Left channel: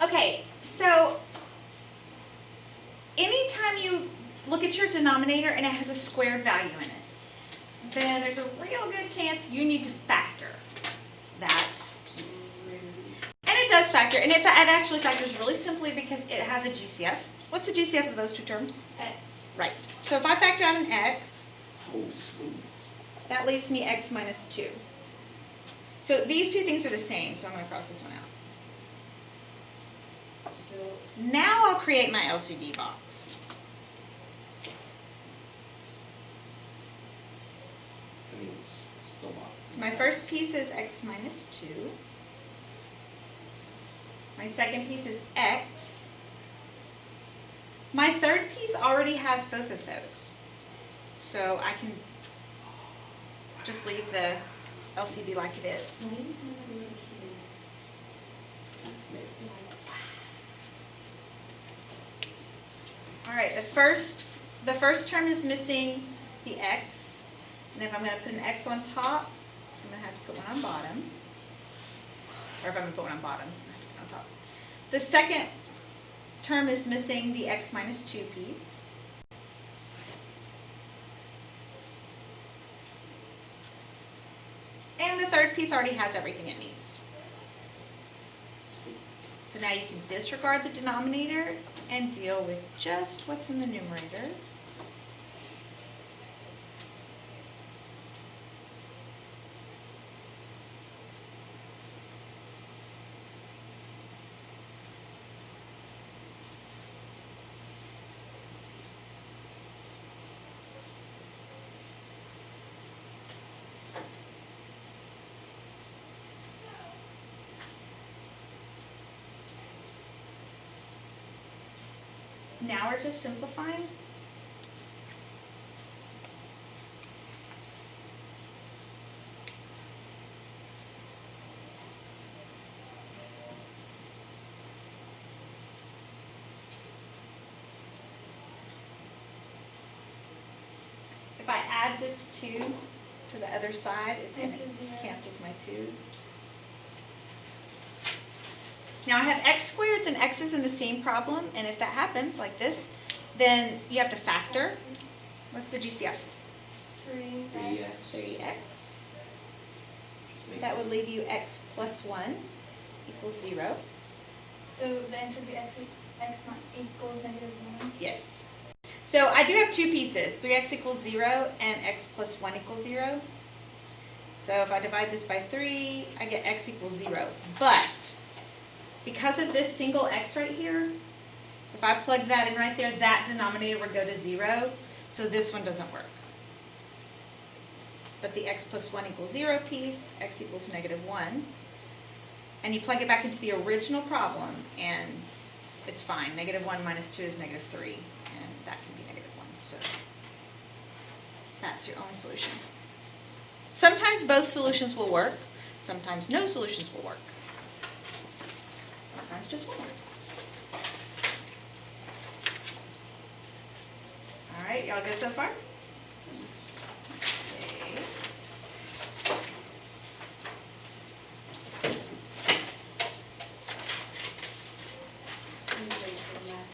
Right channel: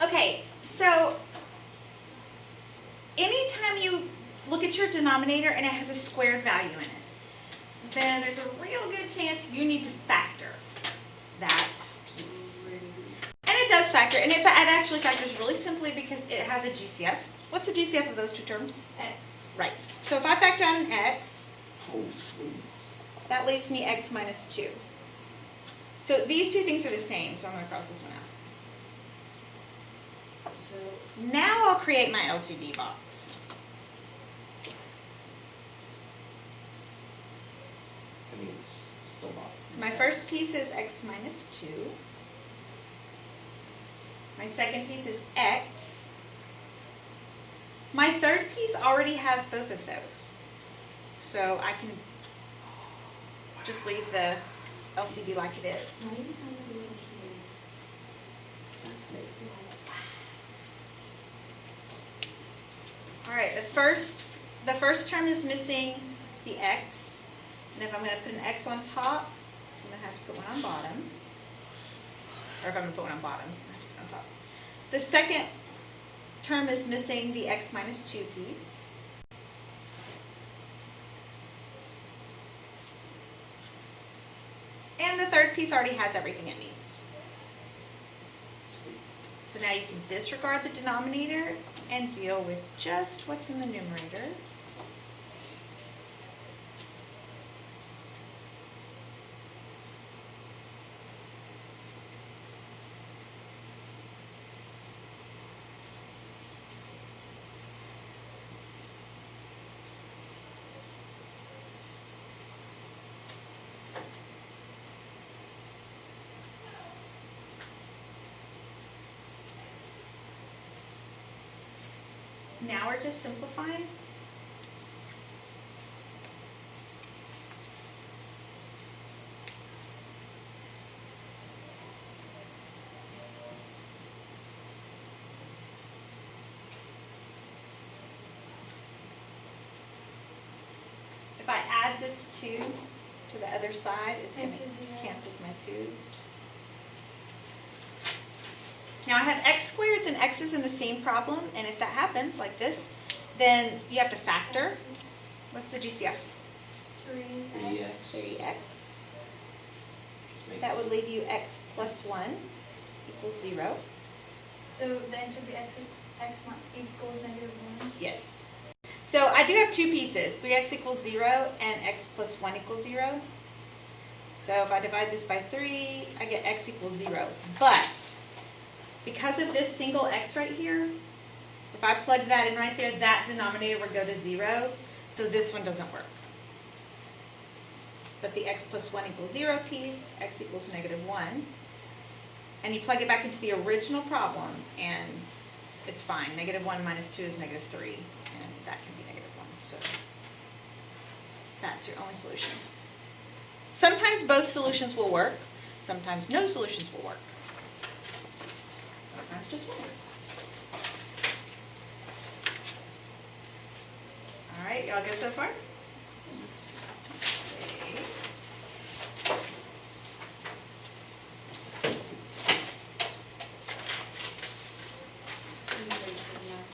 Okay, so anytime you look at your denominator and it has a squared value in it, then there's a real good chance you need to factor that piece. And it does factor, and it actually factors really simply because it has a GCF. What's the GCF of those two terms? X. Right. So if I factor out an x, Oh, sweet. that leaves me x minus 2. So these two things are the same, so I'm going to cross this one out. So now I'll create my LCD box. I mean, it's still not. My first piece is x minus 2. My second piece is x. My third piece already has both of those. So I can just leave the LCD like it is. All right, the first term is missing the x. And if I'm going to put an x on top, I'm going to have to put one on bottom. Or if I'm going to put one on bottom, I have to put on top. The second term is missing the x minus 2 piece. And the third piece already has everything it needs. So now you can disregard the denominator and deal with just what's in the numerator. Now we're just simplifying. If I add this 2 to the other side, it's going to cancel my 2. Now I have x squareds and x's in the same problem, and if that happens, like this, then you have to factor. What's the GCF? 3x. 3x. That would leave you x plus 1 equals 0. So the answer would be x equals -1? Yes. So I do have two pieces, 3x equals 0 and x plus 1 equals 0. So if I divide this by 3, I get x equals 0. But because of this single x right here, if I plug that in right there, that denominator would go to 0. So this one doesn't work. But the x plus 1 equals 0 piece, x equals -1. And you plug it back into the original problem, and it's fine. -1 minus 2 is -3, and that can be -1. So that's your only solution. Sometimes both solutions will work. Sometimes no solutions will work. Sometimes just one. All right, y'all good so far? Okay.